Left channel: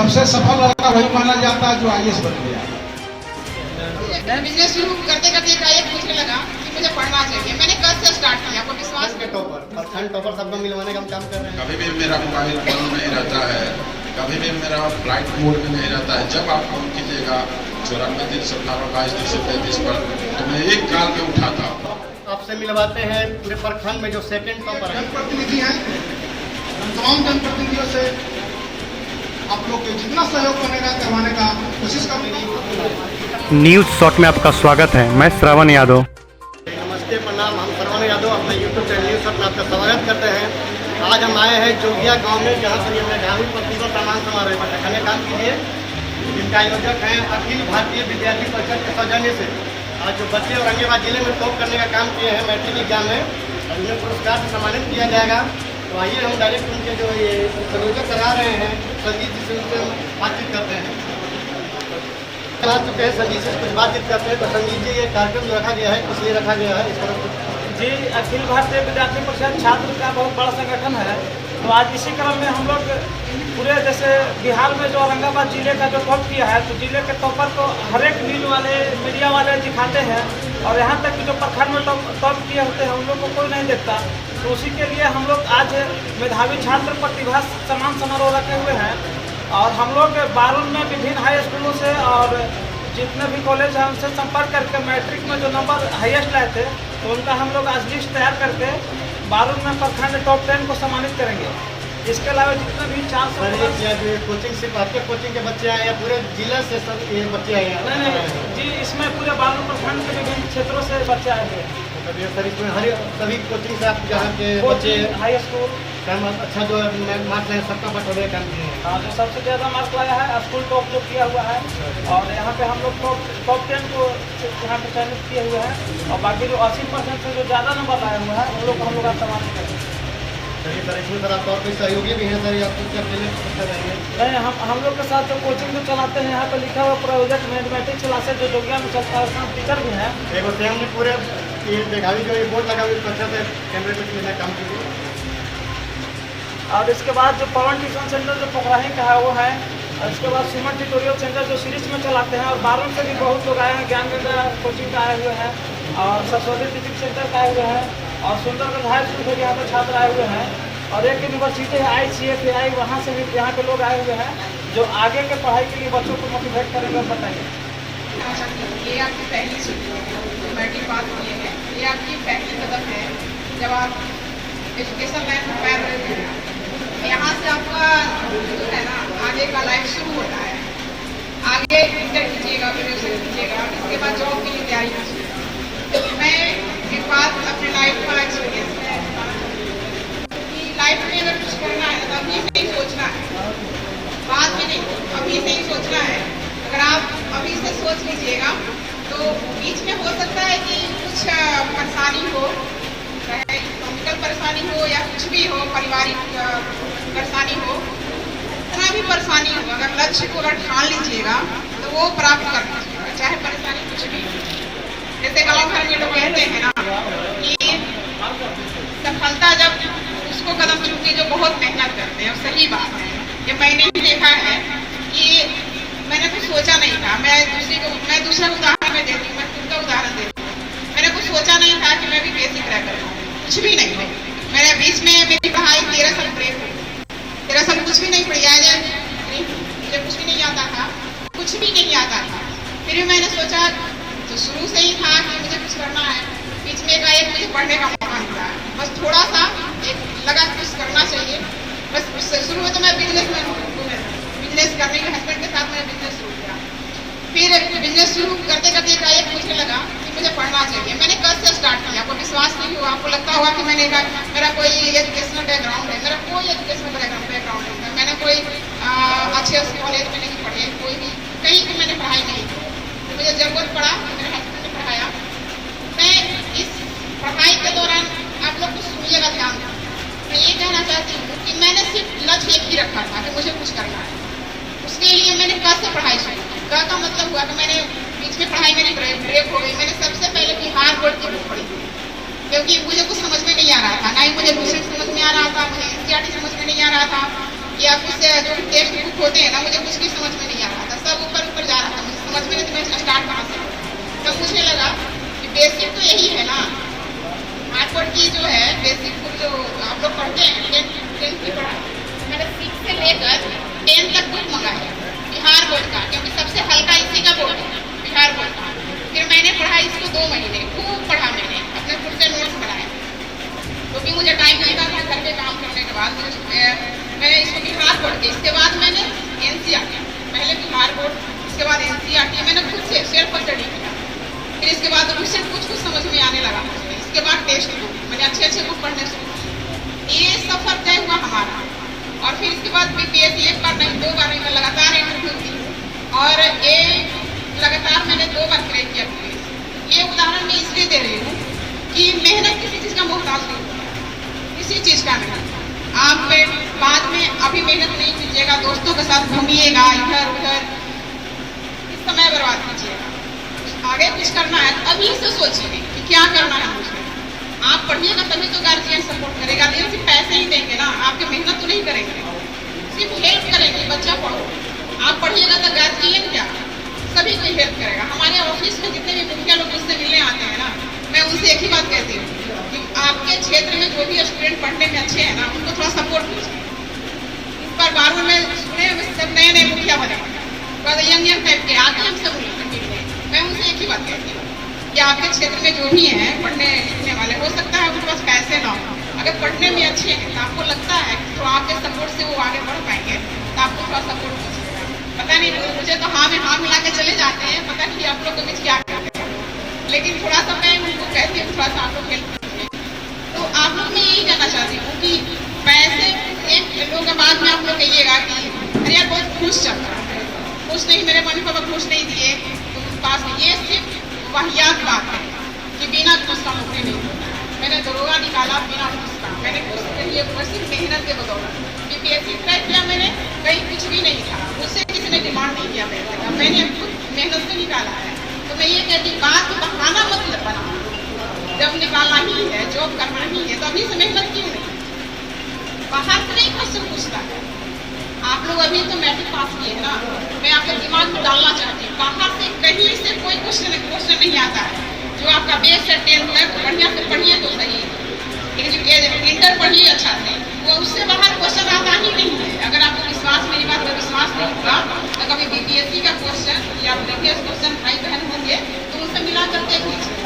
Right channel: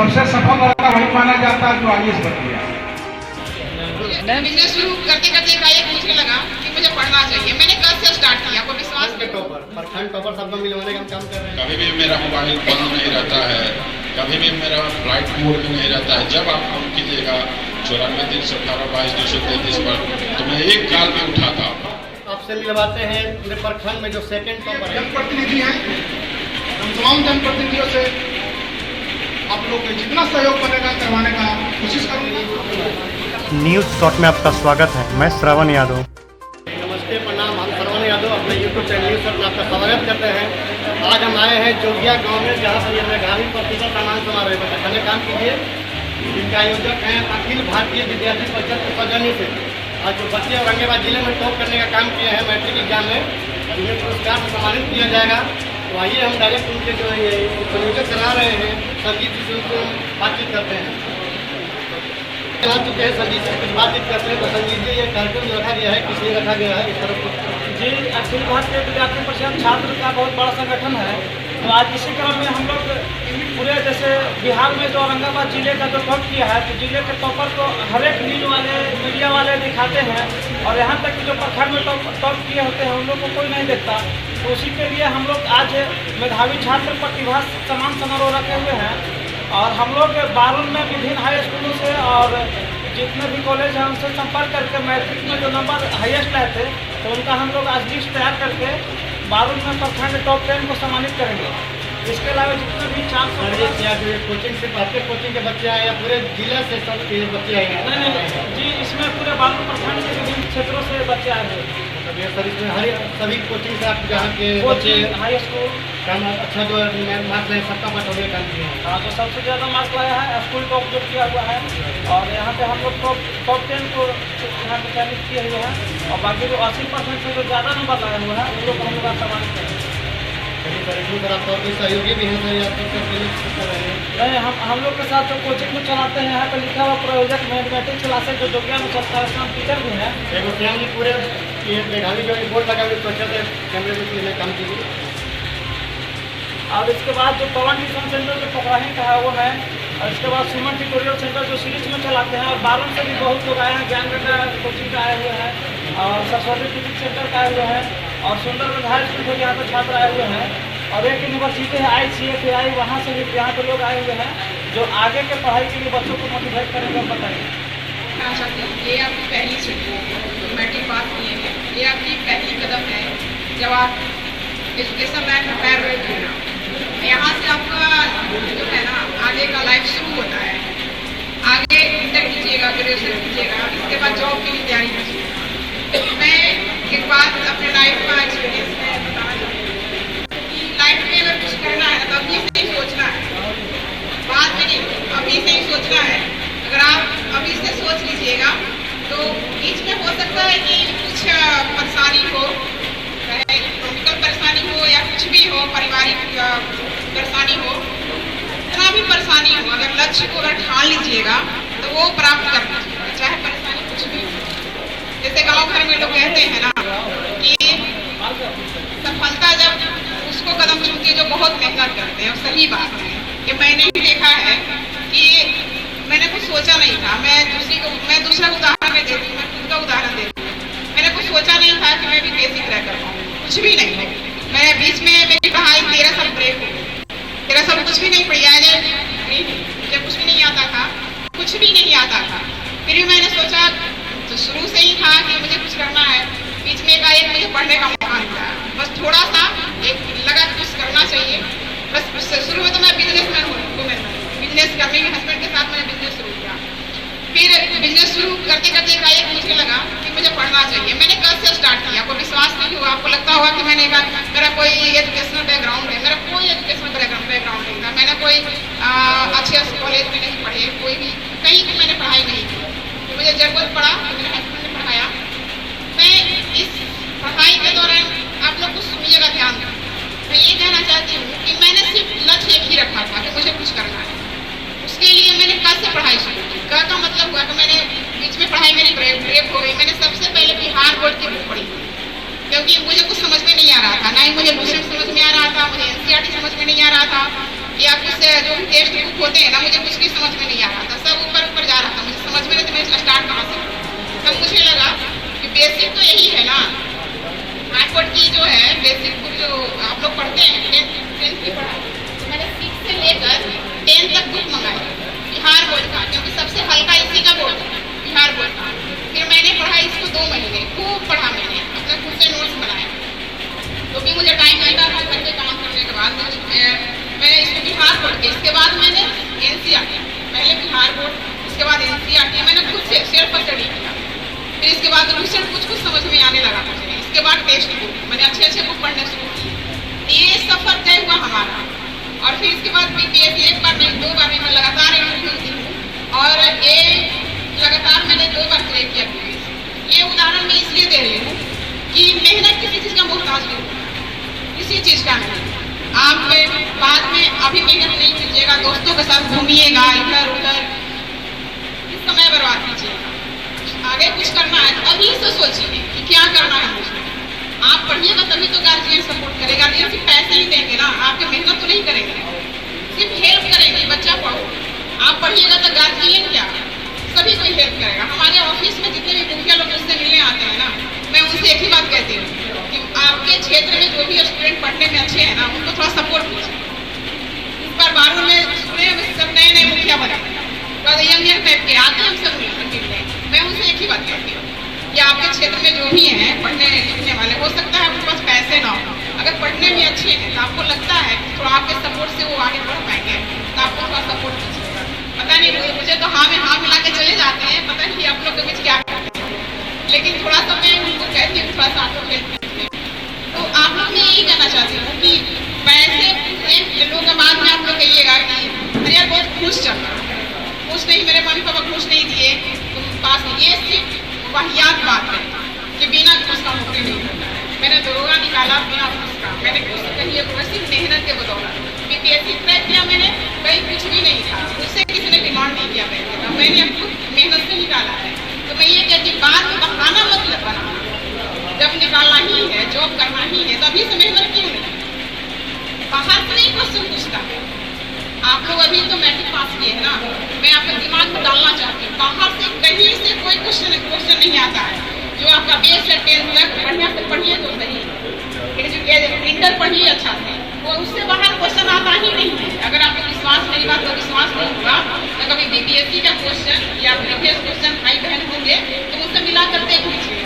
सबसे सफल लड़का वही माना जाता है जो आईएएस बन गया। बिजनेस शुरू करते करते एकाएक मुझे लगा कि मुझे पढ़ना चाहिए। मैंने कल से स्टार्ट किया, आपको विश्वास के टॉपर प्रखंड टॉपर सबको मिलवाने का हम काम कर रहे हैं। कभी भी मेरा मोबाइल बंद नहीं रहता है, कभी भी मेरा फ्लाइट मोड में नहीं रहता है। जब आप फोन कीजिएगा 94-318-22-233 पर तो मैं एक कॉल पे उठाता हूँ। आपसे मिलवाते हैं पूरे प्रखंड में जो सेकंड टॉपर है। जनप्रतिनिधि हैं, हम तमाम जनप्रतिनिधियों से आप लोग को जितना सहयोग बनेगा करवाने का कोशिश करूँगा। न्यूज़ शॉट में आपका स्वागत है। मैं श्रवण यादव। नमस्ते, प्रणाम। हम श्रवण यादव अपने यूट्यूब चैनल न्यूज़ शॉट में आपका स्वागत करते हैं। आज हम आए हैं जोगिया गांव में, जहां पर ये मेधावी प्रतिभा सम्मान समारोह का काम कीजिए। जिनके आयोजक हैं अखिल भारतीय विद्यार्थी परिषद के सौजन्य से आज जो बच्चे औरंगाबाद जिले में टॉप करने का काम किए हैं मैट्रिक एग्जाम में, उन्हें पुरस्कार से सम्मानित किया जाएगा। तो आइए हम डायरेक्ट उनके जो ये संयोजक करा रहे हैं संगीत जी से उनसे बातचीत करते हैं। आ चुके हैं संगीत से कुछ बातचीत करते हैं। तो संगीत जी, ये कार्यक्रम जो रखा गया है किस लिए रखा गया है इस तरफ? जी, अखिल भारतीय विद्यार्थी परिषद छात्र का बहुत बड़ा संगठन है। तो आज इसी क्रम में हम लोग पूरे जैसे बिहार में जो औरंगाबाद जिले का जो टॉप किया है, तो जिले के टॉपर को हर एक न्यूज वाले मीडिया वाले दिखाते हैं, और यहाँ तक कि जो प्रखंड में टॉप किए होते हैं उन लोग को कोई नहीं देखता। तो उसी के लिए हम लोग आज मेधावी छात्र प्रतिभा सम्मान समारोह रखे हुए हैं। और हम लोग बारुण में विभिन्न हाई स्कूलों से और जितने भी कॉलेज हैं उनसे संपर्क करके मैट्रिक में जो नंबर हाईएस्ट लाए थे, तो उनका हम लोग आज लिस्ट तैयार करके बारुण में प्रखंड टॉप 10 को सम्मानित करेंगे। इसके अलावा जितने भी 400 कोचिंग से आपके कोचिंग के बच्चे आए या पूरे जिला से सब ये बच्चे आए हैं? नहीं जी, इसमें पूरे बारुण प्रखंड के विभिन्न क्षेत्रों से बच्चे आए हुए हैं। सर इसमें हर सभी कोचिंग से आप जहाँ के बच्चे हाई स्कूल काम अच्छा जो मार्क्स है सबका बटोरे काम किए हैं। हाँ, तो सबसे ज़्यादा मार्क्स लाया है स्कूल टॉप जो किया हुआ है। और यहाँ पे हम लोग टॉप 10 को यहाँ पे चयनित किए हुए हैं। और बाकी जो 80% से जो ज़्यादा नंबर लाए हुए हैं उन लोग को हम लोग सम्मानित करेंगे। चलिए सर, इसमें सर आपका और कोई सहयोगी भी है सर या आपको नहीं, हम लोग के साथ जो कोचिंग जो चलाते हैं यहाँ पे लिखा हुआ प्रायोजक मैथमेटिक्स क्लासेज जो जोगिया में चलता है उसमें टीचर भी हैं। एक से हमने पूरे ये मेधावी जो बोर्ड लगा हुआ अच्छे से कैमरे में लेना काम कीजिए। और इसके बाद जो पवन ट्यूशन सेंटर जो पकड़ाही का है वो है। और इसके बाद सुमन ट्यूटोरियल सेंटर जो सीरीज में चलाते हैं। और बारुण से भी बहुत लोग आए हैं, ज्ञानगंगा कोचिंग का आए हुए हैं, और सरस्वती टीचिंग सेंटर का आए हुए हैं, और सुंदरगंज हाई स्कूल से यहाँ पर छात्र आए हुए हैं। और एक यूनिवर्सिटी है ICFAI, वहाँ से भी यहाँ पे लोग आए हुए हैं जो आगे के पढ़ाई के लिए बच्चों को मोटिवेट करेंगे। बताइए। ये आपकी पहली सीढ़ी है, मैट्रिक पास किए हैं, ये आपकी पहली कदम है जब आप एजुकेशन लाइन में पैर रखते हैं। यहाँ से आपका जो है ना आगे का लाइफ शुरू होता है। आगे इंटर कीजिएगा, ग्रेजुएशन कीजिएगा, इसके बाद जॉब के लिए तैयारी कीजिएगा। मैं एक बात अपने लाइफ का एक्सपीरियंस में बताना चाहती हूँ कि लाइफ में अगर कुछ करना है तो अभी से ही सोचना है, बाद में नहीं, अभी से ही सोचना है। अगर आप अभी से सोच लीजिएगा तो बीच में हो सकता है कि कुछ परेशानी हो, चाहे इकोनॉमिकल परेशानी हो या कुछ भी हो, पारिवारिक परेशानी हो, इतना भी परेशानी हो, अगर लक्ष्य को अगर ठान लीजिएगा तो वो प्राप्त कर लीजिएगा, चाहे परेशानी कुछ भी हो। जैसे गांव घर में लोग कहते हैं ना कि सफलता जब उसको कदम चुनती है जो बहुत मेहनत करते हैं। सही बात है, ये मैंने भी देखा है कि मैंने कुछ सोचा नहीं था। मैं दूसरा उदाहरण में देती हूँ, मैं खुद का उदाहरण देती हूँ। मैंने कुछ सोचा नहीं था कि मैं भी बेसिक क्रैक कर पाऊँ, कुछ भी नहीं है। मेरे बीच में मेरी पढ़ाई 13 साल ब्रेक हो गई। 13 साल कुछ भी नहीं पढ़ी, मुझे कुछ भी नहीं आता था, कुछ भी नहीं आता था। फिर भी मैंने सोचा, तो शुरू से ही था कि मुझे कुछ करना है। बीच में एक मुझे पढ़ने का मौका मिला, बस थोड़ा सा एक लगा कुछ करना चाहिए। बस शुरू में तो मैं बिजनेसमैन हूँ, बिजनेस करने के हस्बैंड के साथ मैंने बिजनेस शुरू किया। फिर बिजनेस शुरू करते करते एकाएक मुझे लगा कि मुझे पढ़ना चाहिए। मैंने कल से स्टार्ट किया, आपको विश्वास नहीं हुआ। आपको लगता होगा कि मैंने कहा मेरा कोई एजुकेशनल बैकग्राउंड है, मेरा कोई एजुकेशनल बैकग्राउंड नहीं था। मैंने कोई अच्छे कॉलेज में नहीं पढ़ी, कोई भी कहीं भी मैंने पढ़ाई नहीं की। तो मुझे ज़रूरत पड़ा, मेरे हस्बैंड ने पढ़ाया। मैं इस पढ़ाई के दौरान आप लोग कुछ सुनिएगा ध्यान दें। मैं ये कहना चाहती हूँ कि मैंने सिर्फ लक्ष्य एक ही रखा था कि मुझे कुछ करना है। उसके लिए मैंने कल से पढ़ाई शुरू की। कल का मतलब हुआ कि मैंने बीच में पढ़ाई मेरी ब्रेक हो गई। मैंने सबसे पहले बिहार बोर्ड की बुक पढ़ी, क्योंकि मुझे कुछ समझ में नहीं आ रहा था, ना ही मुझे लूसेंट समझ में आ रहा था, मुझे NCERT समझ में नहीं आ रहा था, या कुछ जो टेक्स्ट बुक होते हैं ना मुझे कुछ यही है ना, हार्ड बोर्ड की जो है बेसिक बुक जो आप लोग पढ़ते हैं 10th की पढ़ाई, तो मैंने 6 से लेकर 10 तक बुक मंगाया बिहार बोर्ड का, क्योंकि सबसे हल्का इसी का बोर्ड है बिहार बोर्ड का। फिर मैंने पढ़ा इसको 2 महीने, खूब पढ़ा मैंने, अपने खुद से नोट्स बनाए, तो भी मुझे टाइम मिलता था घर के काम करने के बाद। मैंने इसको बिहार बोर्ड के, इसके बाद मैंने NCERT, पहले बिहार बोर्ड, इसके बाद NCERT मैंने खुद से सेल्फ स्टडी किया। फिर इसके बाद रिसेंट कुछ समझ में आने लगा मुझे, इसके बाद टेक्स्ट बुक, मैंने अच्छे बुक पढ़ने शुरू किए। ये सफर तय हुआ हमारा। और फिर इसके बाद BPSC 1 बार नहीं 2 बार में मैं लगातार इंटरव्यू दी हूँ, और ये लगातार मैंने 2 बार क्रैक किया। ये उदाहरण मैं इसलिए दे रही हूँ कि मेहनत किसी चीज़ का मोहताज नहीं होता, किसी चीज़ का मेहनत। आप बाद में अभी मेहनत नहीं कीजिएगा, दोस्तों के साथ घूमिएगा इधर उधर, इस समय बर्बाद कीजिएगा। आगे कुछ करना है तो अभी से सोचिए कि क्या करना है मुझे। आप पढ़िएगा तभी तो गार्जियन सपोर्ट करेगा, लेकिन सिर्फ पैसे ही देंगे ना, आपके मेहनत तो नहीं करेंगे, सिर्फ हेल्प करेंगे। बच्चा पढ़ो, आप पढ़िएगा तो गार्जियन क्या, सभी कोई हेल्प करेगा। हमारे ऑफिस में जितने भी मुखिया लोग मुझसे मिलने आते हैं ना, मैं उनसे एक ही बात कहती हूँ कि आपके क्षेत्र में जो भी स्टूडेंट पढ़ने में अच्छे हैं ना, उनको थोड़ा सपोर्ट कीजिए। इस बार 12वीं में सुने में सब नए मुखिया बने, यंग टाइप के आके हमसे मिलने, मैं उनसे एक ही बात कहती हूँ कि आपके क्षेत्र में जो भी हैं पढ़ने लिखने वाले, हो सकता है उनके पास पैसे ना हो, अगर पढ़ने में अच्छे हैं तो आपको लगता है कि थोड़ा आपके सपोर्ट से वो आगे बढ़ पाएंगे, तो आपको थोड़ा सपोर्ट कीजिएगा। पता नहीं मुझे तो हाँ में हाँ मिला के चले जाते हैं, पता नहीं आप लोग के बीच क्या करते हैं, लेकिन थोड़ा सा मैं उनको कहती हूँ थोड़ा सा आप लोग हेल्प कीजिए। तो आप लोग मैं यही कहना चाहती हूँ कि पैसे एक लोग बाद में आप लोग कहिएगा कि अरे यार बहुत खुश चल रहा है, खुश नहीं, मेरे मम्मी पापा खुश नहीं दिए तो पास में, ये सिर्फ वाहियात बात है कि बिना खुश का नौकरी नहीं होता है। मैंने दरोगा निकाला बिना खुश का, मैंने खुश के लिए सिर्फ मेहनत के बदौलत BPSC क्रैक किया मैंने, कहीं कुछ भी नहीं था, मुझसे किसी ने डिमांड नहीं किया पैसे का, मैंने मेहनत से निकाला है। तो मैं ये कहती बात बहाना मतलब बनाना, जब निकालना ही है, जॉब करना ही है, तो अभी से मेहनत क्यों नहीं, बाहर से नहीं क्वेश्चन पूछता है। आप लोग अभी तो मैट्रिक पास किए है ना, मैं आपके दिमाग में डालना चाहती हूँ, बाहर से कहीं से कोई क्वेश्चन नहीं आता है। जो आपका बेस है 10th तक बढ़िया से पढ़िए तो सही, लेकिन जो इंटर पढ़िए अच्छा से, वो उससे बाहर क्वेश्चन आता ही नहीं है। अगर आपको विश्वास, मेरी बात का विश्वास नहीं होगा तो कभी BPSC का क्वेश्चन या प्रीवियस क्वेश्चन भाई बहन होंगे तो उससे मिला कर देख लीजिए,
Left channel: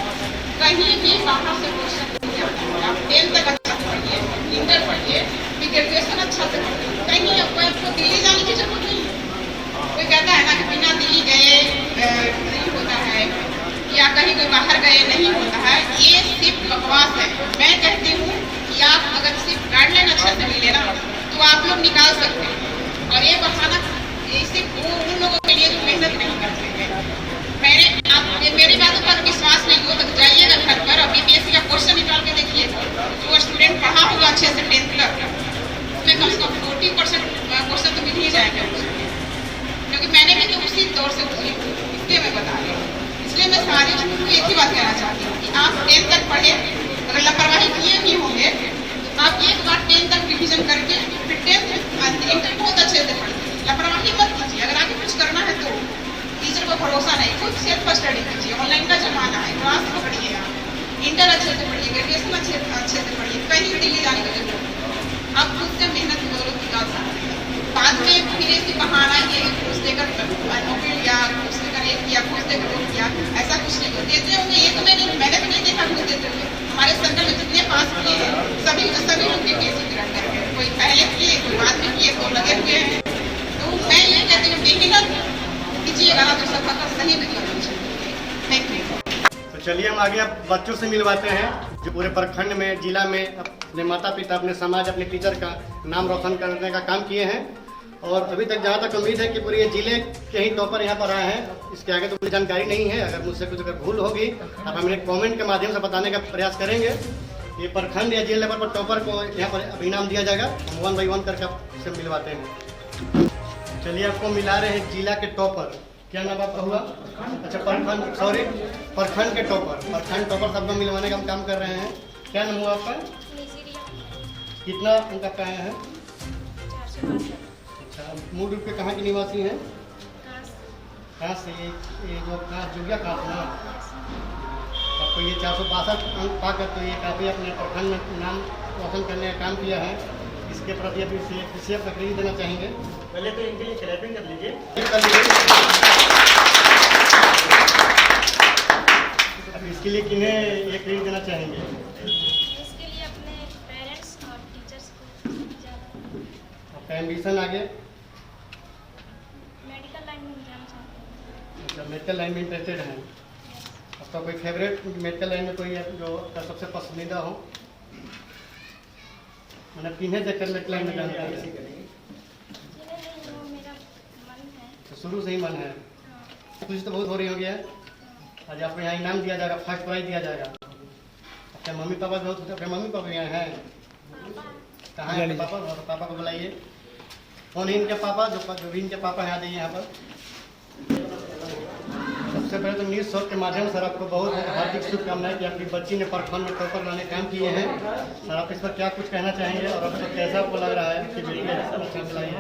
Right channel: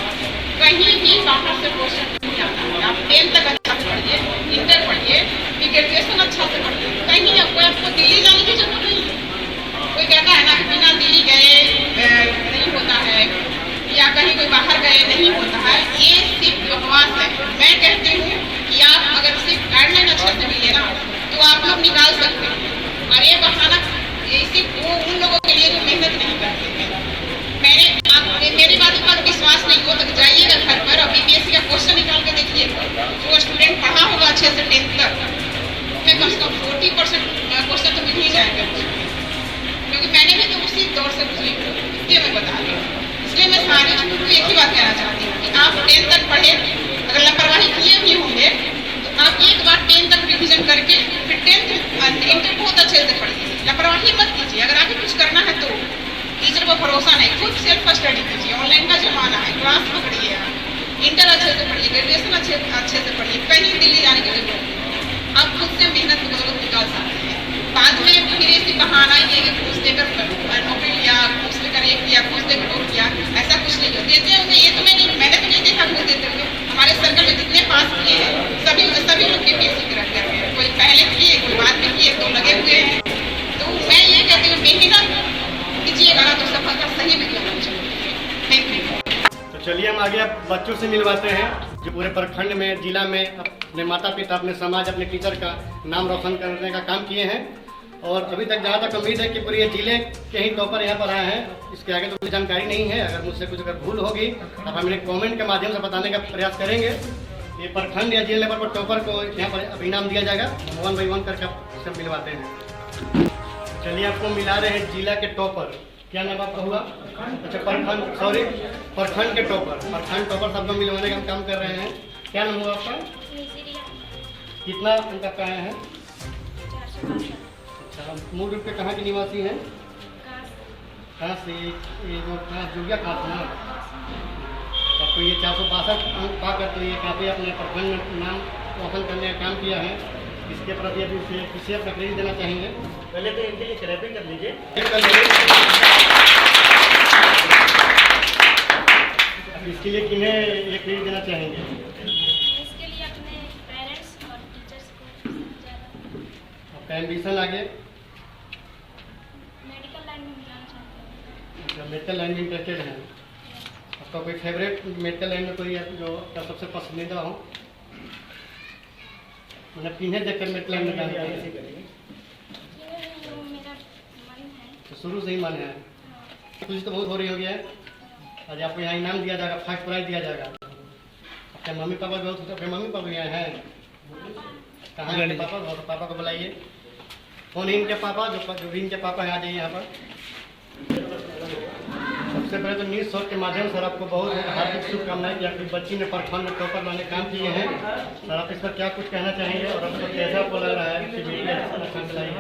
कहीं भी बाहर से क्वेश्चन नहीं आता है। आप 10th तक अच्छा से पढ़िए, इंटर पढ़िए, फिर ग्रेजुएशन अच्छा से पढ़िए, कहीं आपको दिल्ली जाने की जरूरत नहीं है। कोई कहता है ना कि बिना दिल्ली गए नहीं होता है, या कहीं कोई बाहर गए नहीं होता है, ये सिर्फ बकवास है। मैं कहती हूँ कि आप अगर सिर्फ गाइडलाइन अच्छे से मिले ना तो आप लोग निकाल सकते हैं, और ये बहाना ये सिर्फ वो उन लोगों के लिए जो मेहनत नहीं करते हैं। मेरी बात पर विश्वास नहीं हो तो जाइएगा घर पर और BPSC का क्वेश्चन निकाल के देखिएगा, वो स्टूडेंट पढ़ा होगा अच्छे से 10th तक, उसमें कम से कम 40% क्वेश्चन तो मिल ही जाएगा, क्योंकि मैंने भी तो उसी दौर से गुजरी, इसलिए मैं बता रही हूँ। इसलिए मैं सारी चीज़ों को एक ही बात कहना चाहती हूँ कि आप 10th तक पढ़े, अगर लापरवाही किए भी होंगे तो आप एक बार 10th तक रिविजन करके फिर 10th इंटर बहुत अच्छे से पढ़िए, लापरवाही मत कीजिए। अगर आगे कुछ करना है तो टीचर को भरोसा नहीं, खुद सेल्फ स्टडी कीजिए, ऑनलाइन का जमाना है, क्लास पकड़िए, इंटर अच्छे से पढ़िए, ग्रेजुएशन अच्छे से पढ़िए, कहीं दिल्ली जाने की जरूरत नहीं, आप खुद से मेहनत की बदौलत निकाल सकते हैं। बाद में फिर ऐसी बहाना ये कि घूस देकर नौकरी लिया, घूस लेकर एक किया, घूस देकर वो किया, ऐसा कुछ नहीं होता। देते होंगे ये तो मैंने तो नहीं देखा घूस देते हुए। हमारे सर्कल में जितने पास किए हैं सभी लोग BPSC क्रैक कर रहे हैं, कोई पहले किए, कोई बाद में किए, तो लगे हुए हैं। तो मैं ये कहती हूँ मेहनत कीजिएगा ना तो सफलता सही में करना चाहिए। Thank you. तो चलिए हम आगे अब बच्चों से मिलवाते हैं जो पूरे प्रखंड में, जिला में अपने माता पिता, अपने समाज, अपने टीचर का नाम रोशन करने का काम किए हैं। और अभी तक जहाँ तक उम्मीद है कि पूरे जिले के ही टॉपर यहाँ पर आए हैं। इसके आगे तो कोई जानकारी नहीं है, अगर मुझसे कुछ अगर भूल होगी अब हम इन्हें कमेंट के माध्यम से बताने का प्रयास करेंगे। ये प्रखंड या जिला लेवल पर टॉपर को यहाँ पर अभी इनाम दिया जाएगा, हम 1 by 1 करके आपसे मिलवाते हैं। चलिए आपको मिला रहे हैं जिला के टॉपर, क्या नाम आपका हुआ? अच्छा प्रखंड के टॉपर, प्रखंड टॉपर सबको मिलवाने का हम काम कर रहे हैं। क्या नाम हुआ आपका? कितना उनका कहाँ है? अच्छा, मूल रूप से कहाँ के निवासी हैं? कहाँ से? ये जो कहाँ जोगिया कहाँ से ना? तो ये 462 अंक पाकर तो ये काफ़ी अपने प्रखंड में नाम रोशन करने का काम किया है। इसके प्रति अभी इसे अपना क्रेडिट देना चाहेंगे। पहले तो इनके लिए क्लैपिंग कर लीजिए। अब इसके लिए किन्हें ये क्रेडिट देना चाहेंगे? इसके लिए अपने पेरेंट्स और टीचर्स को ज़्यादा। आपका एम्बिशन आगे मेडिकल लाइन में जाना चाहते हैं। मतलब मेडिकल लाइन में इंटरेस्टेड हैं। आपका कोई फेवरेट मेडिकल लाइन में कोई जो आपका सबसे पसंदीदा हो? मतलब किन्हें देखकर मेडिकल लाइन में जाना चाहिए? वो मेरा मन है। तो शुरू से ही मन है। खुशी तो बहुत हो रही होगी। आज आपको यहाँ इनाम दिया जाएगा, फर्स्ट प्राइज दिया जाएगा। आपके मम्मी पापा बहुत खुश, आपके मम्मी पापा यहाँ हैं? कहाँ हैं आपके पापा? तो पापा को बुलाइए। कौन है इनके पापा? जो भी इनके पापा हैं आ जाइए यहाँ पर। सबसे पहले तो न्यूज़ शॉट के माध्यम से आपको बहुत हार्दिक शुभकामनाएं कि आपकी बच्ची ने प्रखंड में टॉपर लाने काम किए हैं। सर आप इस पर क्या कुछ कहना चाहेंगे और आपको कैसा आपको लग रहा है कि बेटी अच्छा लाई है?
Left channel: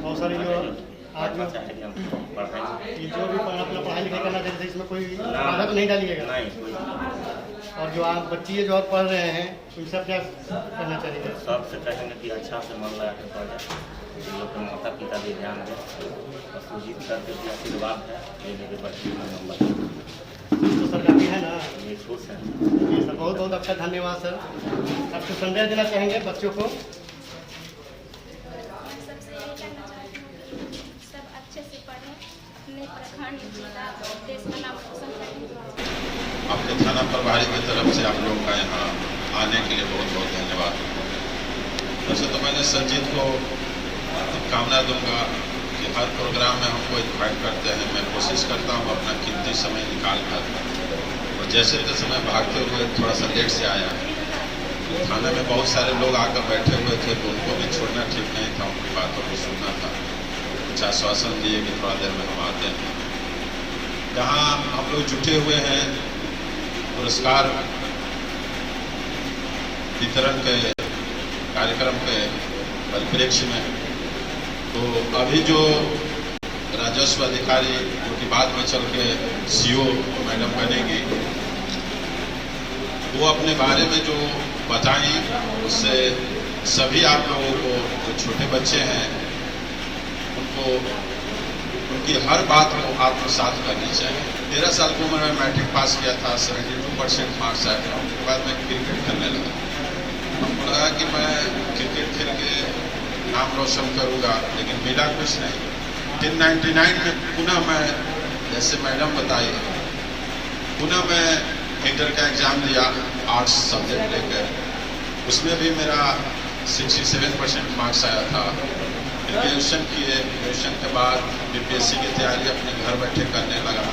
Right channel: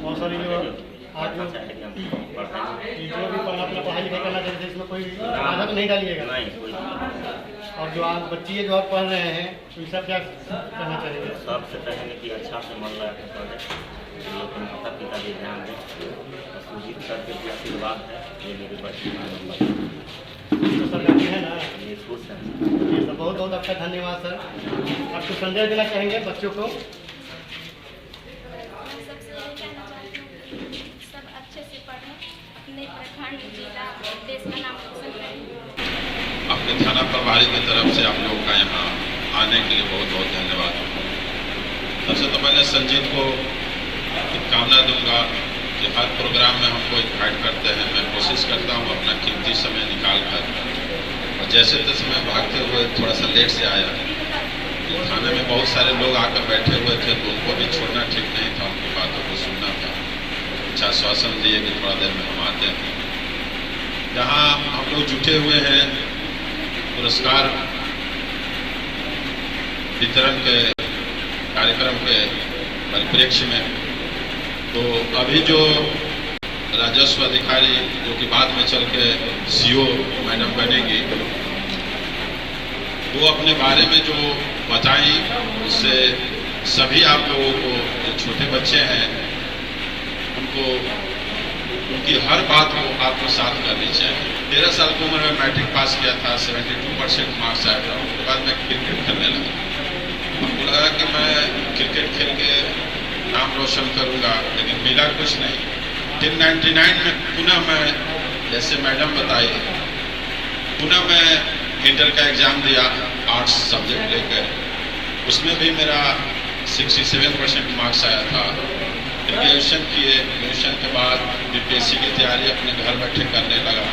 बहुत सारी जो आज ये जो भी अपना पढ़ाई लिखाई करना चाहते हैं इसमें कोई बाधा तो नहीं डालिएगा? और जो आप बच्ची है जो आप पढ़ रहे हैं तो सब क्या कहना चाहेंगे? सबसे कहेंगे कि अच्छा से मन लगा के पढ़े, इन लोग के माता पिता भी ध्यान दें और सुजीत सर के भी आशीर्वाद है। ये मेरे बच्चे का नंबर तो सरकारी है ना, ये खुश है। ये सब बहुत बहुत आपका धन्यवाद सर। आप कुछ संदेश देना चाहेंगे बच्चों को? मैं सबसे यही कहना चाहती हूँ कि सब अच्छे से पढ़ें, अपने प्रखंड जिला देश का नाम रोशन करें। अपने थाना प्रभारी की तरफ से आप लोगों का यहाँ आने के लिए बहुत बहुत धन्यवाद। सबसे तो मैंने संजीत को शुभकामना दूंगा कि हर प्रोग्राम में हमको इन्वाइट करते हैं। मैं कोशिश करता हूँ अपना कीमती समय निकाल कर, और जैसे तैसे मैं भागते हुए थोड़ा सा लेट से आया। तो थाने में बहुत सारे लोग आकर बैठे हुए थे तो उनको भी छोड़ना ठीक नहीं था, उनकी बातों को सुनना था। कुछ आश्वासन दिए कि थोड़ा देर में हम आते हैं। जहाँ हम लोग जुटे हुए हैं पुरस्कार वितरण के कार्यक्रम के परिप्रेक्ष्य में, तो अभी जो राजस्व अधिकारी जो कि बाद में चल के सीओ मैडम बनेगी, वो अपने बारे में जो बताई उससे सभी आप लोगों को जो छोटे बच्चे हैं उनको उनकी हर बात को आत्मसात करनी चाहिए। 13 साल की उम्र में मैट्रिक पास किया था, 72% मार्क्स आया था। उसके बाद मैं क्रिकेट खेलने लगा। हमको लगा कि मैं क्रिकेट खेल के नाम रोशन करूंगा, लेकिन मिला कुछ नहीं। 1999 में पुनः मैं, जैसे मैडम बताई, पुनः मैं इंटर का एग्जाम दिया आर्ट्स सब्जेक्ट लेकर। उसमें भी मेरा 67% मार्क्स आया था। ग्रेजुएशन किए, ग्रेजुएशन के बाद बीपीएससी की तैयारी अपने घर बैठे करने लगा।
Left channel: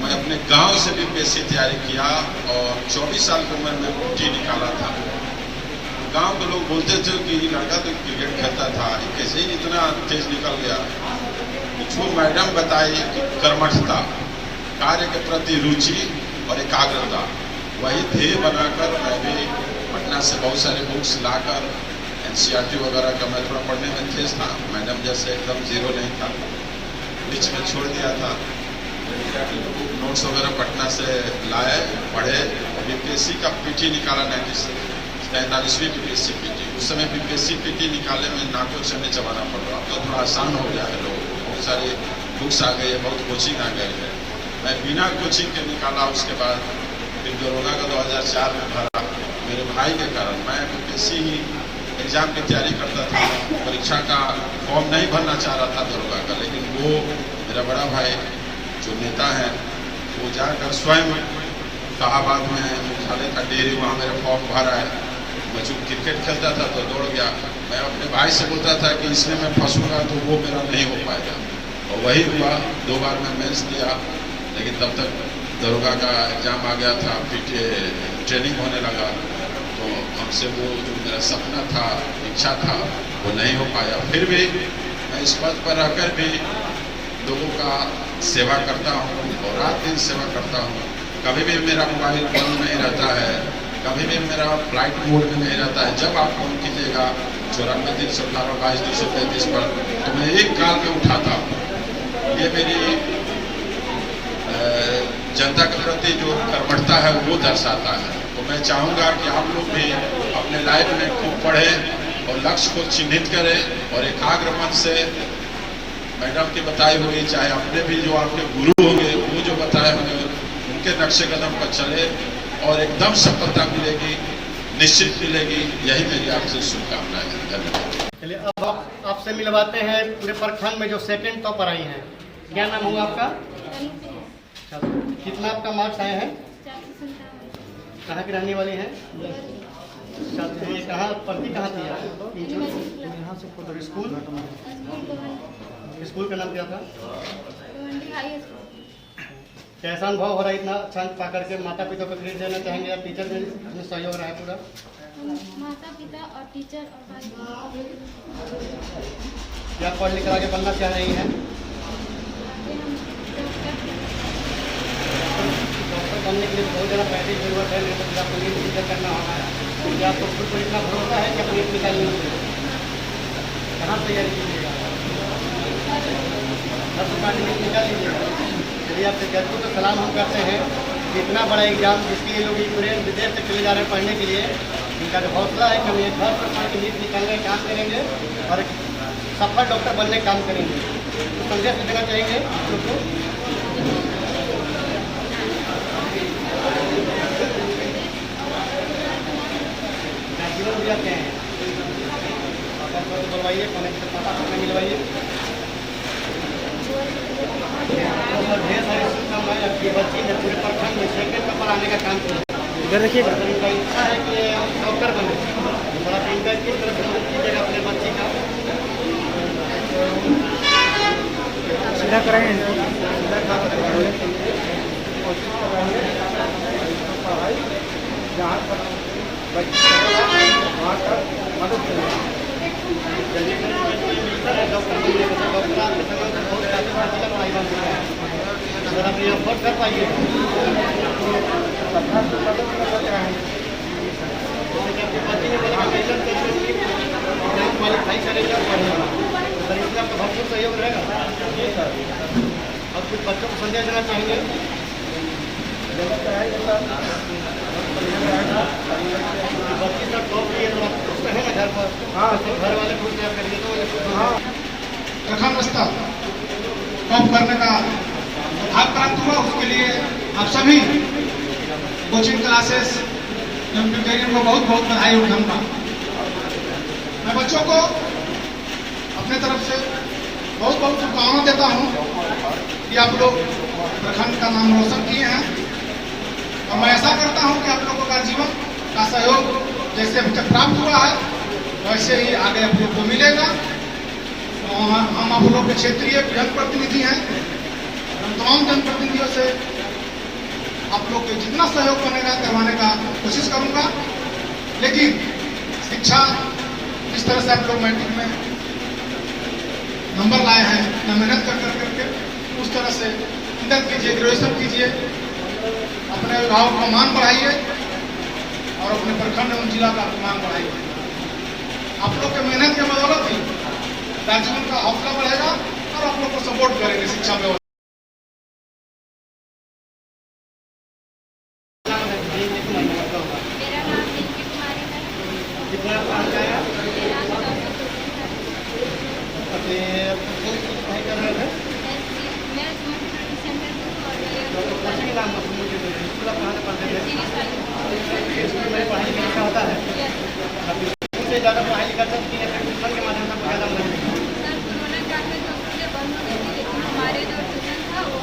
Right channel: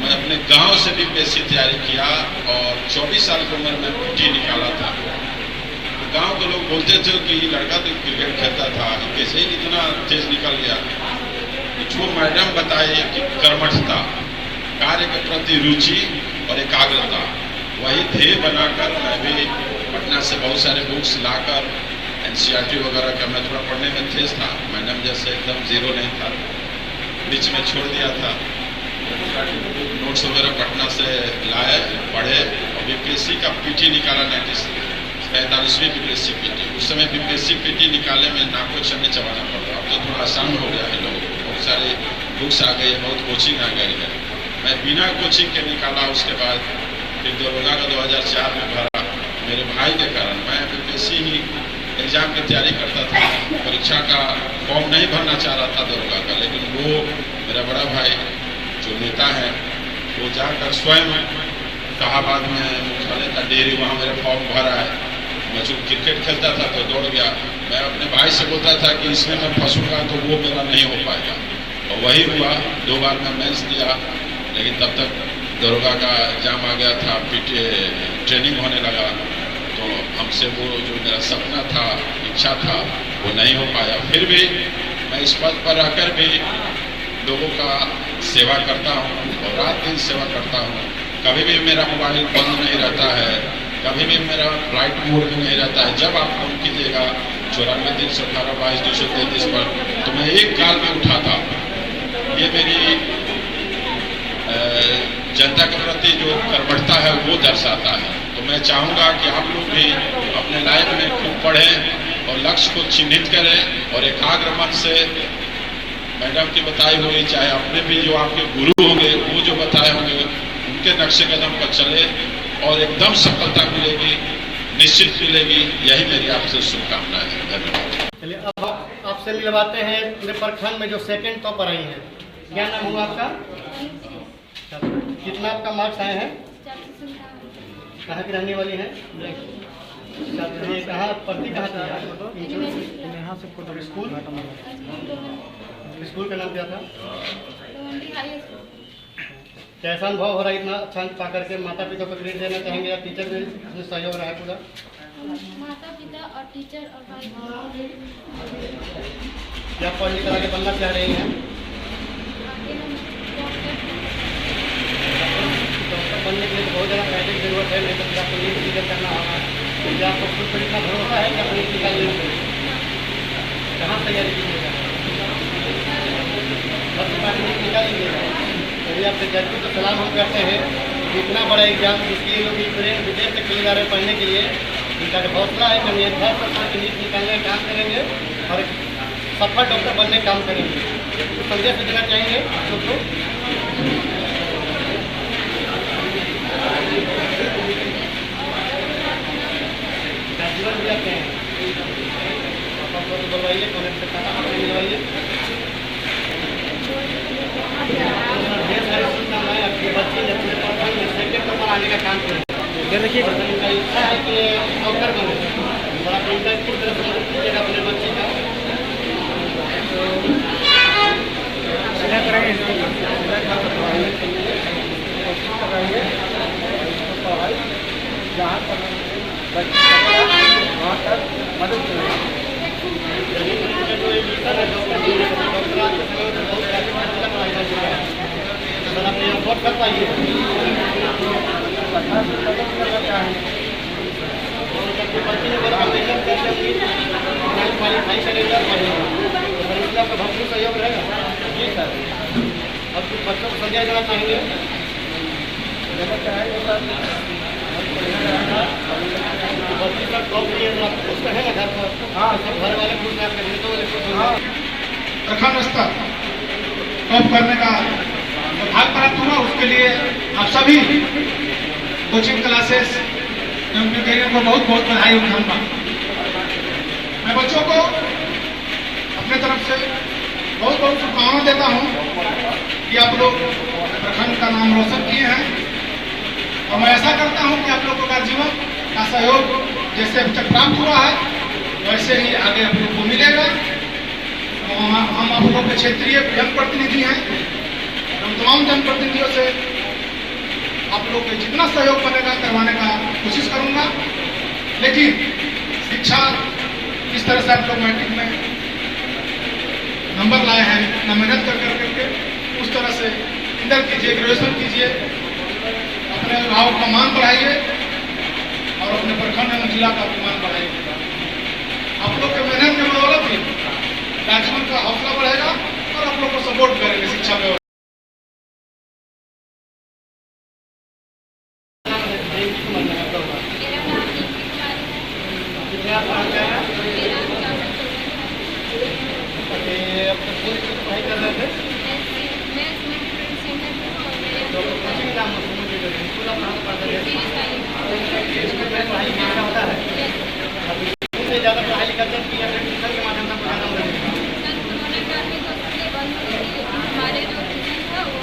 मैं अपने गांव से बीपीएससी तैयारी किया और 24 साल की उम्र में पीटी निकाला था। गांव के लोग बोलते थे कि लड़का तो क्रिकेट खेलता था, कैसे ही इतना तेज निकल गया। जो मैडम बताई कि कर्मठता, कार्य के प्रति रुचि और एकाग्रता, वही ध्येय बनाकर मैं भी पटना से बहुत सारे बुक्स लाकर एनसीईआरटी वगैरह का मैं थोड़ा पढ़ने में तेज था। मैडम जैसे एकदम जीरो नहीं था, बीच में छोड़ दिया था। एनसीईआरटी बुक नोट्स वगैरह पटना से लाए, पढ़े और बीपीएससी का पीटी निकाला 45वीं बीपीएससी पीटी। उस समय बीपीएससी पीटी निकालने में नाको चने चबाना पड़ रहा, तो थोड़ा आसान हो गया है लोगों को। बहुत सारे बुक्स आ गए, बहुत कोचिंग आ गई है। मैं बिना कोचिंग के निकाला। उसके बाद फिर दरोगा का 2004 में भरा। मेरे भाई के कारण मैं बीपीएससी ही एग्जाम की तैयारी करता था। परीक्षा का फॉर्म नहीं भरना चाह रहा था दरोगा का, लेकिन वो मेरा बड़ा भाई जो नेता है वो जाकर स्वयं इलाहाबाद में मुख्यालय का डेयरी, वहाँ मेरा फॉर्म भरा है। मैं जो क्रिकेट खेलता था तो दौड़ गया। मैं अपने भाई से बोलता था कि इसमें मैं फंसूंगा तो वो मेरा नहीं हो पाएगा, और वही हुआ। 2 बार मैं मेंस दिया, लेकिन तब तक दरोगा का एग्जाम आ गया था, पीटी ट्रेनिंग होने लगा, तो हमसे वो जो मेरा सपना था, इच्छा था, वो नहीं हो पाया। फिर भी मैं इस पद पर रहकर भी लोगों का सेवा करता हूँ और रात दिन सेवा करता हूँ। कभी भी मेरा मोबाइल बंद नहीं रहता है, कभी भी मेरा फ्लाइट मोड में नहीं रहता है। जब आप फोन कीजिएगा 94 318 22 233 पर, तो मैं एक कॉल पे उठाता हूँ। ये मेरी जनता के प्रति जो कर्मठता है वो दर्शाता है। तो मैं चाहूँगा कि आप लोग भी अपने लाइफ में खूब पढ़ें और लक्ष्य को चिन्हित करें और एकाग्र मन से मैडम के बताए हुए, चाहे अपने भी जो आपके गुरु होंगे वो जो बताए होंगे उनके नक्शे कदम पर चले और एकदम सफलता मिलेगी, निश्चित मिलेगी। यही मेरी आपसे शुभकामना है। धन्यवाद। चलिए अब आपसे मिलवाते हैं पूरे प्रखंड में जो सेकंड टॉपर आई हैं। क्या नाम हुआ आपका? कितना आपका मार्क्स आए हैं? कहाँ की रहने वाली हैं? कहाँ पढ़ती कहाँ थी? यहाँ से फोटो स्कूल। स्कूल का नाम क्या था? कैसा अनुभव हो रहा है इतना अच्छा अंक पा करके? माता पिता को क्रेडिट देना चाहेंगे या टीचर में इसमें सहयोग रहा है पूरा? माता पिता और टीचर और भाई क्या पढ़ लिख कर आगे बनना चाह रही हैं? आगे हम डॉक्टर बनने के लिए बहुत ज़्यादा पैसे की जरूरत है, नहीं तो फिर आपको नीट क्लियर करना होगा। तो क्या आपको खुद पर इतना भरोसा है कि आप नीट निकालने में कहाँ तैयारी कीजिएगा? हर दुकान नीट निकाल लीजिएगा। यदि आपसे जजपुर को सलाम हम करते हैं कि इतना बड़ा एग्जाम जिसके लिए लोग विदेश से चले जा रहे हैं पढ़ने के लिए, इनका जो हौसला है कि हम ये 10% की नीट निकालने का काम करेंगे और एक सफल डॉक्टर बनने का काम करेंगे। तो संदेश देना चाहेंगे लोग को? जीवन भी आपके हैं, पापा को बोलवाइए, कौन से पापा को मिलवाइए। ढेर सारे शुभकामनाएं आपकी बच्ची ने पूरे प्रखंड में सेकंड नंबर आने का काम किया। देखिए उनका इच्छा है कि डॉक्टर बने, बड़ा इनका किस तरह से मदद कीजिएगा अपने बच्ची का? सीधा कोशिश कराइए, पढ़ाई जहाँ पर वहाँ तक मदद करें। डॉक्टर आपके सहयोग में बहुत सारी पढ़ाई बन चुका है, तो आप ये अफोर्ड कर पाइए। सरकार से मदद करना चाहेंगे, जैसे कि आपकी बच्ची ने बोला मेहनत करके एग्जाम क्वालिफाई करेगा पढ़ेगा, तो सर इसलिए आपका भरपूर सहयोग रहेगा। जी सर। और कुछ बच्चों को संदेश देना चाहेंगे? देना चाहेंगे सर बच्ची का टॉप किए आप खुश रहे ना घर पर? हाँ, सब घर वाले खुश हैं, आपके रिश्तों वाले खुश हैं। प्रखंड स्तर टॉप करने का भाग प्राप्त हुआ, उसके लिए आप सभी कोचिंग क्लासेस एवं कैरियर को बहुत बहुत बधाई और धन्यवाद। मैं बच्चों को अपने तरफ से बहुत बहुत शुभकामना देता हूँ कि आप लोग प्रखंड का नाम रोशन किए हैं और मैं ऐसा करता हूँ कि आप लोगों का जीवन का सहयोग जैसे अभी तक प्राप्त हुआ है वैसे ही आगे आप लोग को मिलेगा। हम आप लोग के क्षेत्रीय जनप्रतिनिधि हैं, हम तमाम जनप्रतिनिधियों से आप लोग के जितना सहयोग बनेगा करवाने का कोशिश करूंगा। लेकिन शिक्षा जिस तरह से आप लोग मैट्रिक में नंबर लाए हैं, इतना मेहनत कर करके उस तरह से इंटर कीजिए, ग्रेजुएशन कीजिए, अपने अभिभावक का मान बढ़ाइए और अपने प्रखंड एवं जिला का मान बढ़ाइए। आप लोग के मेहनत के बदौलत ही राज्य का हौसला बढ़ेगा और आप लोग को सपोर्ट करेंगे शिक्षा व्यवस्था। कितना पढ़ाई कर रहे थे? कोचिंग नाम स्कूल आप कहाँ से पढ़ते थे? स्कूल में पढ़ाई लिखाई होता है? से ज़्यादा पढ़ाई लिखाई की या ट्यूशन के माध्यम से ज़्यादा मदद हमारे जो ट्यूशन था वो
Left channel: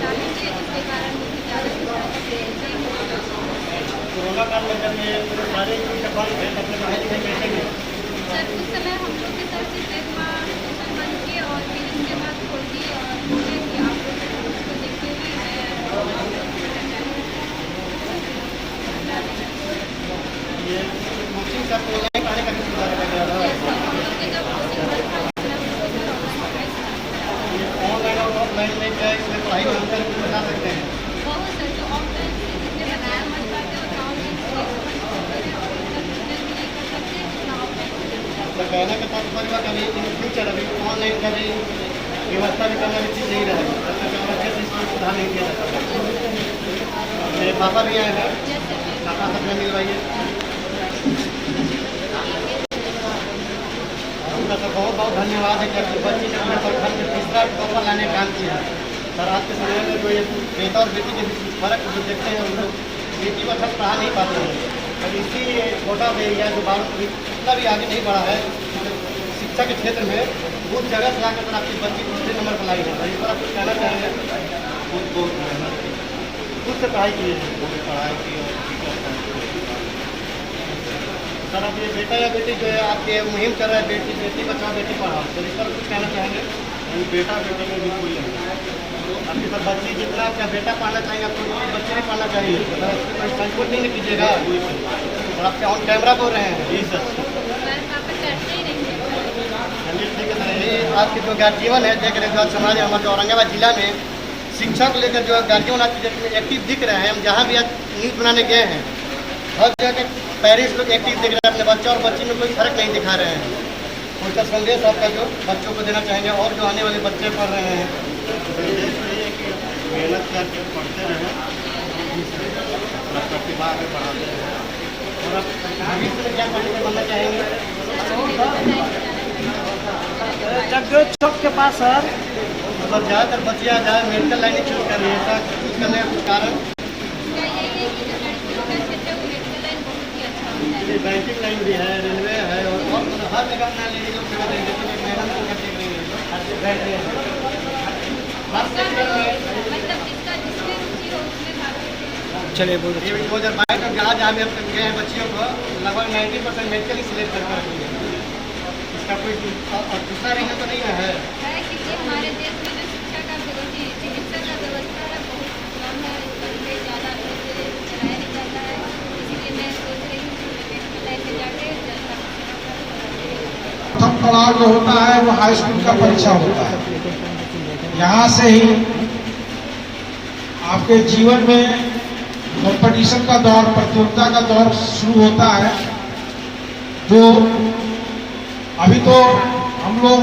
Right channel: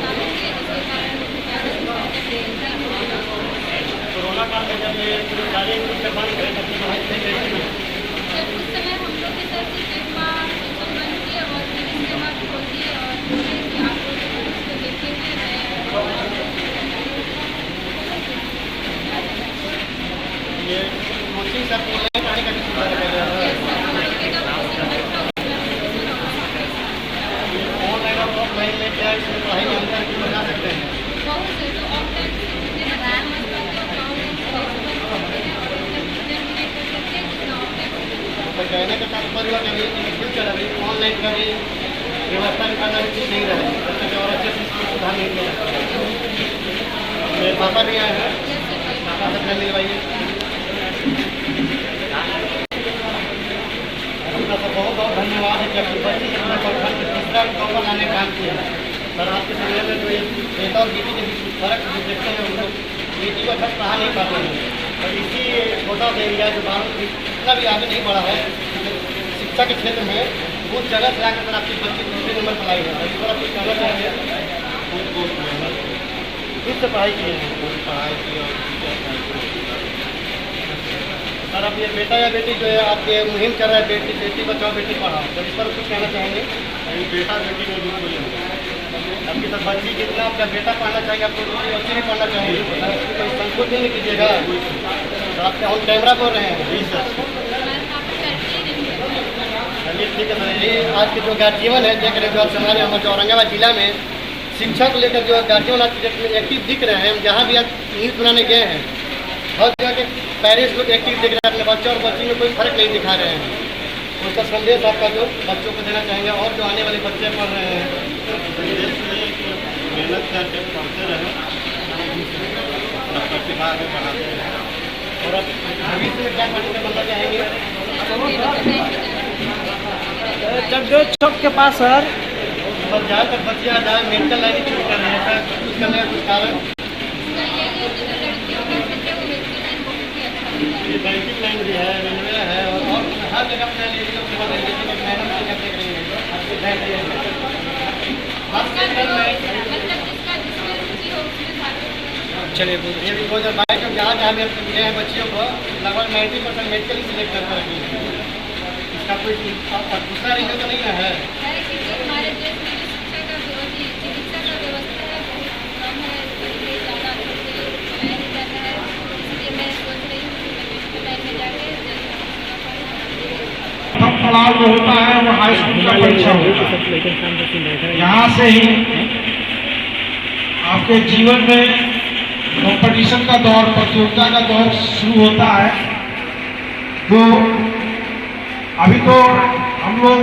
चालू किए, जिसके कारण कोरोना काल में जब ये पूरे सारे स्कूल से बंद थे तब से पढ़ाई लिखाई कैसे हुई? सर उस समय हम लोग के सर एक माह ट्यूशन बंद किए और फिर इसके बाद खोल दिए और बोले कि आप लोग उसको देखेंगे। ये कोचिंग सब ऑनलाइन आने का भी सुधार कर गया था। ये ऑनलाइन और ऑफलाइन में क्या इसमें पढ़ाई में अंतर भी बता सकते हैं? बहुत सर, तो ऑफलाइन ने बताया मत बात है, ऑनलाइन तो कहने का तात्पर्य कभी इन फ्यूचर अभी ऑनलाइन कभी व्यवस्था भी करना भी ठीक नहीं रहे, जब तक और अच्छे से इसको सुधार नहीं किया जाता। मेरे पापा भी आए हैं, पापा से अपना मिलवाइए। आपका तो बहुत बहुत धन्यवाद है कि आपकी बच्ची के अपने प्रखंड में तीसरा टॉपर लाने का काम किया है। सर आज के समय में जो ये बेटा और बेटी के बीच फर्क जो देखते हैं, हम लोग बेटी को अच्छा पढ़ा नहीं पाते हैं। और इसी छोटा सा एरिया जो भारत इतना भी आगे नहीं बढ़ा है शिक्षा के क्षेत्र में, उस जगह से आकर आपकी बच्ची दूसरे नंबर पर लाई है। इस पर आप कुछ कहना चाहेंगे? खुद से पढ़ाई की है सर। अब ये बेटा या बेटी जो है आपके मुहिम चल रहा है, बेटी बचाओ बेटी पढ़ाओ, तो इस पर कुछ कहना चाहेंगे? बेटा बेटी में बिल्कुल आपकी सर बच्ची जितना आपका बेटा पढ़ना चाहेंगे, आपको बच्ची नहीं पढ़ना चाहेंगे, इसकी कोई संकोच नहीं कीजिएगा। तो आपके ऑन कैमरा बोल रहे हैं? जी सर। चलिए ठीक है सर। यही आज के जो गार्जियन है देख रहे जो आज हमारे जो औरंगाबाद जिला में शिक्षा को लेकर जो गार्जियन आज के डेट में एक्टिव दिख रहे हैं। हम जहाँ भी आज न्यूज़ बनाने गए हैं, हर जगह के पेरेंट्स लोग एक्टिव दिख रहे हैं, अपने बच्चा और बच्ची में कोई फर्क नहीं दिखा रहे हैं। कोई सा संदेश आपका जो बच्चों को देना चाहेंगे और जो आने वाले बच्चे पढ़ रहे हैं? मेहनत करके पढ़ते रहें, अपना प्रतिभा आगे बढ़ाते रहें। और अब भविष्य में क्या बनना चाहेंगे? जगदेव चौक के पास सर मतलब ज़्यादातर बच्चियाँ ज़्यादा मेडिकल लाइन चूज कर रही है सर, कुछ करने का कुछ कारण? ये बैंकिंग लाइन भी है, रेलवे है, और हर जगह अपना लेडीज लोग सेवा देंगे। तो मैडम को क्या देख रही है? चलिए बोलिए। ये 2022 में जहाँ भी हम गए हैं बच्चियों को लगभग 90% मेडिकल ही सिलेक्ट करके रखेंगे। इसका कोई दूसरा रीजन तो नहीं ना है? हमारे देश में जो शिक्षा का चिकित्सा का व्यवस्था है बहुत कम है, पढ़ाई ज़्यादा अच्छे से चलाया नहीं जाता है। इसलिए मैं सोच रही हूँ कि मेडिकल लाइन में जाके प्रथम पड़ाव जो होता है वो हाई स्कूल का परीक्षा होता है। यहाँ से ही आपके जीवन में कंपटीशन का दौर, प्रतियोगिता का दौर शुरू होता है। जो अभी तो हम लोग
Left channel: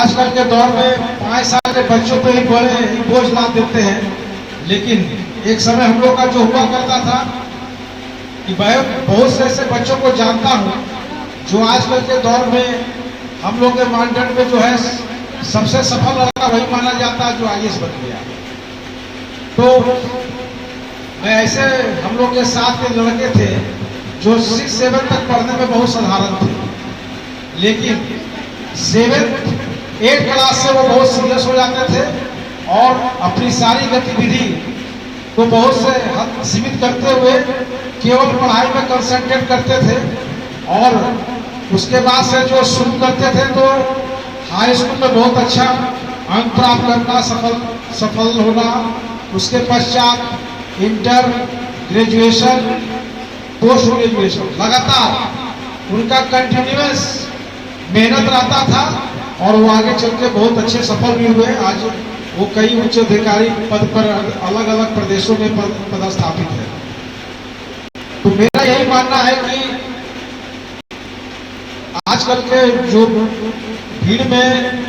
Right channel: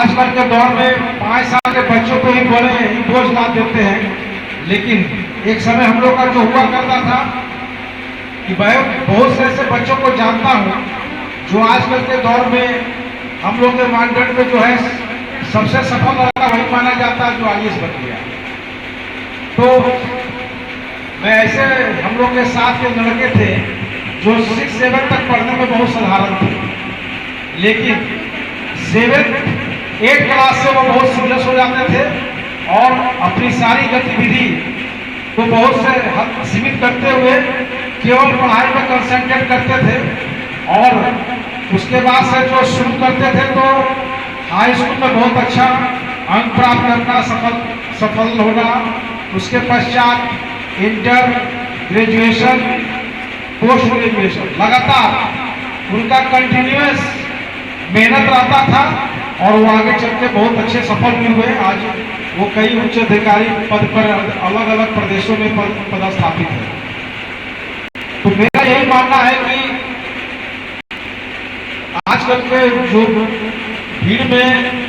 आजकल के दौर में 5 साल के बच्चों को ही बोझ ला देते हैं, लेकिन एक समय हम लोग का जो हुआ करता था कि बहुत से ऐसे बच्चों को जानता हूँ जो आजकल के दौर में हम लोग के मानदंड में जो है सबसे सफल लड़का वही माना जाता है जो IAS बन गया। तो मैं ऐसे हम लोग के साथ के लड़के थे जो 6-7 तक पढ़ने में बहुत साधारण थे, लेकिन 7-8 क्लास से वो बहुत सीरियस हो जाते थे और अपनी सारी गतिविधि को बहुत से हद सीमित करते हुए केवल पढ़ाई में कंसंट्रेट करते थे। और उसके बाद से जो शुरू करते थे तो हाई स्कूल में बहुत अच्छा अंक प्राप्त करना, सफल होना, उसके पश्चात इंटर, ग्रेजुएशन, पोस्ट ग्रेजुएशन, लगातार उनका कंटिन्यूअस मेहनत रहता था और वो आगे चल के बहुत अच्छे सफल भी हुए। आज वो कई उच्च अधिकारी पद पर अलग अलग प्रदेशों में पदस्थापित है। तो मेरा यही मानना है कि आजकल के जो भीड़ में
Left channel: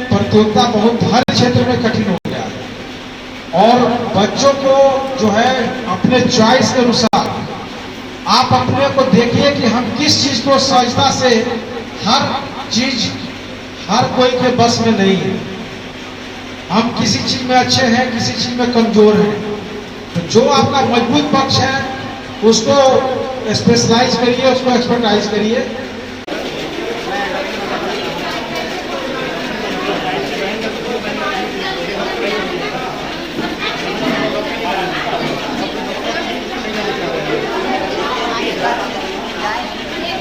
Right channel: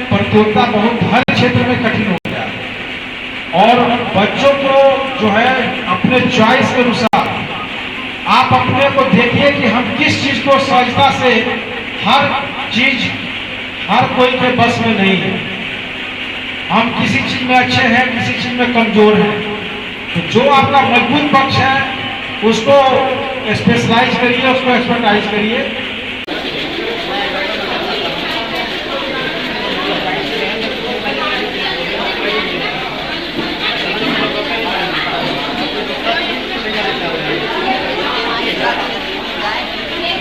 प्रतियोगिता बहुत हर क्षेत्र में कठिन हो गया है और बच्चों को जो है अपने चॉइस के अनुसार आप अपने को देखिए कि हम किस चीज को सहजता से, हर चीज हर कोई के बस में नहीं है। हम किसी चीज में अच्छे हैं, किसी चीज में कमजोर हैं। तो जो आपका मजबूत पक्ष है उसको स्पेशलाइज करिए, उसको एक्सपर्टाइज करिए।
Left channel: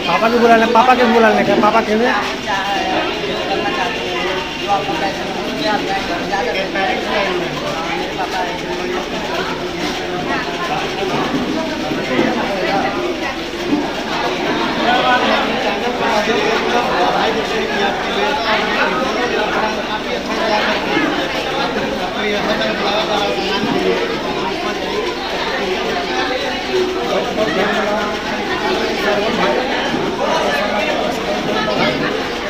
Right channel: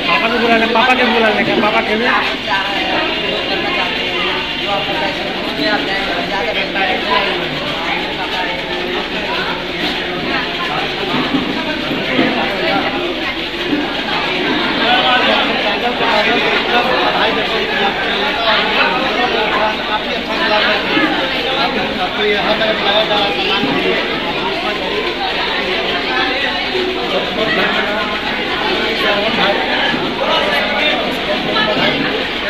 पापा के बुला ले, पापा के बुला ले, क्या पापा के लिए? आपको ये हर तरफ लगाया जा रहा है सामान के लिए।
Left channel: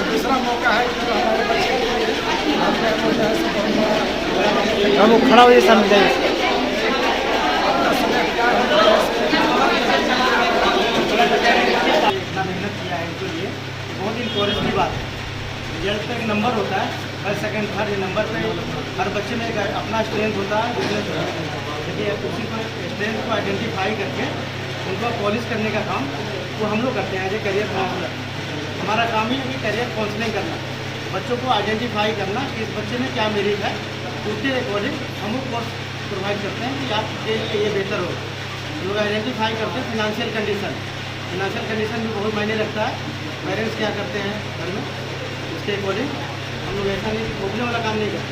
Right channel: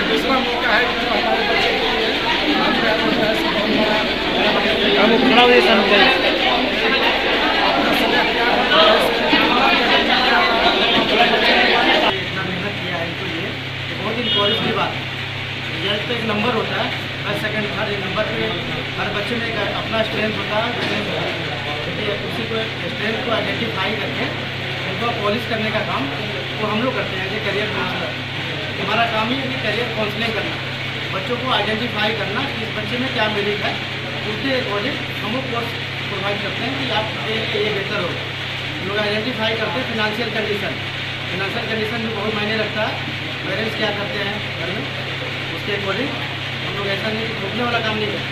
दूसरा मौका है कि जो हमारे बच्चे के लिए खड़ा हो जाए इतना मेहनत किया है इनके लिए, ये बहुत इंक्वायरी की बात है। रिजल्ट पे एक नंबर होता है, फर्स्ट सेकंड थर्ड, ये नंबर पे हर बच्चे में एक अपना स्ट्रेंथ होता है, वीकनेस होता है। देखिए उसी को स्ट्रेंथ को आइडेंटिफाई करके उनको पॉलिश करने का काम वो हम लोग करते हैं एज ए करियर काउंसलर। हमारा काम ही है कि करियर काउंसलिंग करना, बच्चों को आइडेंटिफाई करना कि इस बच्चे में क्या मेरिट है, उसके अकॉर्डिंग हम लोग कोर्स प्रोवाइड करते हैं कि आपके लिए ये बेहतर होगा। हम लोग आइडेंटिफाई करते हैं फिनंशियल कंडीशन भी बहुत मायने रखता है। पेरेंट्स क्या करते हैं घर में, उसके अकॉर्डिंग हम लोग ऐसा नहीं थोपने वाला काम नहीं करते।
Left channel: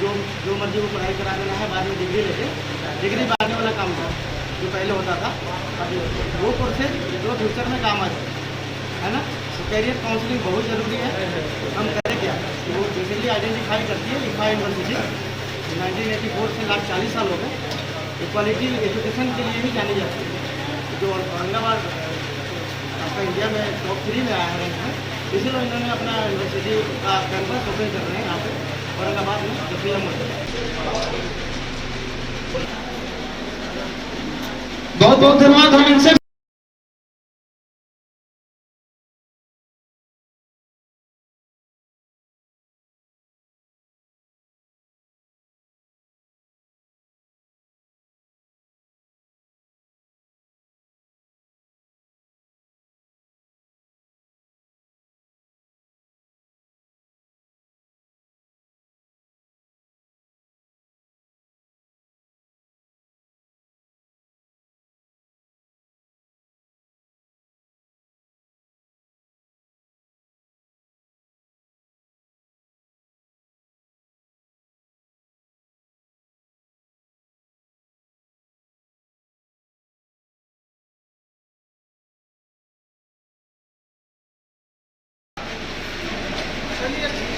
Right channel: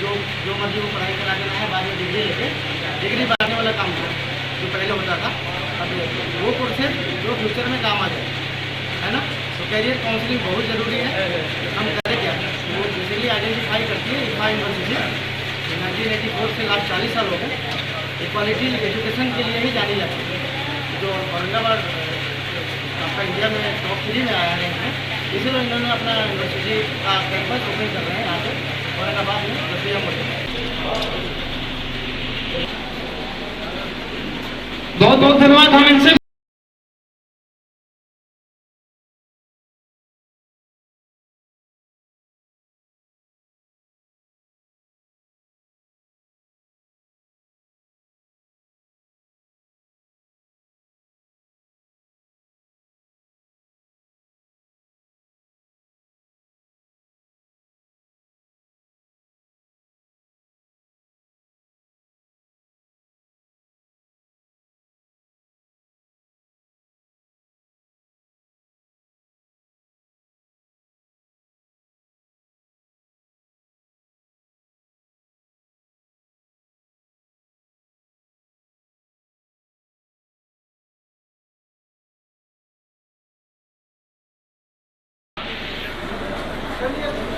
जो मर्जी वो पढ़ाई करा देना है, बाद में डिग्री बांटने वाला काम किया जो पहले होता था। अब वो कोर्सेज जो फ्यूचर में काम आ जाए, है ना। तो कैरियर काउंसलिंग बहुत ज़रूरी है। हम करें क्या, वो बेसिकली आइडेंटिफाई करती है इफ़ा यूनिवर्सिटी 1984 से लास्ट 40 साल हो गए इक्वालिटी एजुकेशन के लिए ही जानी जाती है। जो औरंगाबाद आपका इंडिया में टॉप 3 में आया है इसमें, इसीलिए इन्होंने अपना यूनिवर्सिटी का कैंपस ओपन कर रहे हैं यहाँ पे औरंगाबाद में जफिया मोड़। बहुत बहुत धन्यवाद। हम इनसे चलिए